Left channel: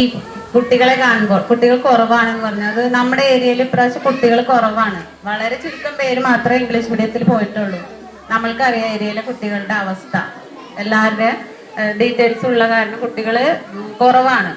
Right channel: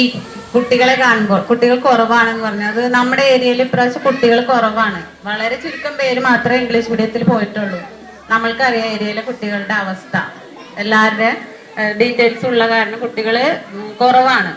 ഈ കുട്ടികളെ കാണുമ്പോൾ കുട്ടികൾ കുറവാണെന്ന് പറഞ്ഞത് നമ്മുടെ ഏരിയയിൽ ഇപ്രാവശ്യം കുട്ടികൾ കുറവാണ്. വളരെ ചുരുക്കം പേര് മാത്രമേ ഇംഗ്ലീഷ് മീഡിയത്തിൽ പോയിട്ടുള്ളൂ. നമ്മൾക്കറിയാം ഏരിയയിലെ കുട്ടികളുടെ അവസ്ഥ, എല്ലാവരുടെ ഡീറ്റെയിൽസ് ഉള്ള കാരണം കുട്ടികൾ കുറവാണ്.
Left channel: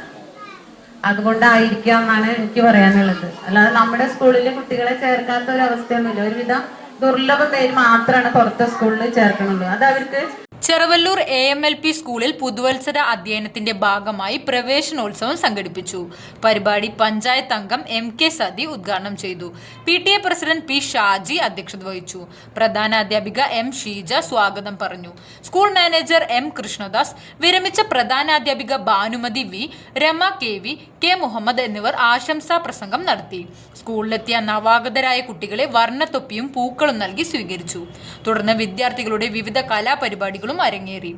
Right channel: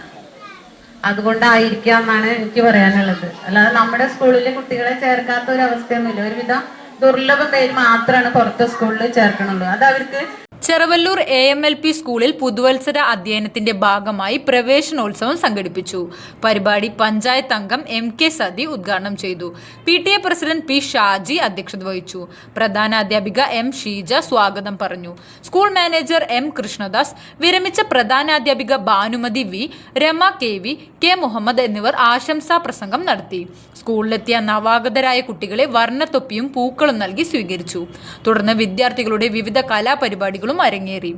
അതുകൊണ്ടായിരിക്കാം എന്നാണ് എനിക്ക് പറയാനുള്ളത്. അല്ലാതെ നമ്മുടെ സ്കൂളിൽ കുട്ടികളെ ചേർക്കാത്ത ഒരു അവസ്ഥയൊന്നുമില്ല. ഒരുവിധം ദുർലഭ പേര് മാത്രമാണ് പുറത്തെ സ്കൂളിൽ ചേർക്കണുള്ളൂ. അത് അവർക്ക് ചെറുവല്ലൂർ AMLP സ്കൂളിൽ പുതുവത്സര അധ്യയനത്തിന്റെ ഭാഗമായി പ്രവേശനോത്സവം സംഘടിപ്പിച്ചു. പരിപാടി പഞ്ചായത്ത് അംഗം MK സതി ഉദ്ഘാടനം ചെയ്തു. PTA പ്രസിഡന്റ് P ഷാജി അധ്യക്ഷത വഹിച്ചു. പ്രധാനാധ്യാപിക M ഷീജ സ്വാഗതം പറഞ്ഞു. സ്കൂൾ മാനേജർ M കൃഷ്ണദാസ്, വിരമിച്ച പ്രധാനാധ്യാപിക Bhanumathi V, Rama KV, K Muhammad എന്നിവർ ആശംസാ പ്രസംഗം നടത്തി. സ്കൂളിലെത്തിയ നവാഗതരായ കുട്ടികളെ വർണ്ണത്തൊപ്പിയും പൂക്കളും നൽകി സ്വീകരിച്ചു. തുടർന്ന് വിദ്യാർത്ഥികളുടെ വിവിധ കലാപരിപാടികളും അരങ്ങേറി.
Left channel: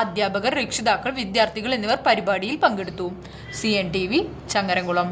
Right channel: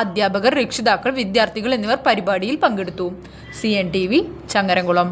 അധ്യാപകർ, രക്ഷിതാക്കൾ, വിദ്യാർത്ഥികൾ എന്നിവർ പരിപാടിയിൽ പങ്കെടുത്തു. CNTV ചങ്ങരംകുളം.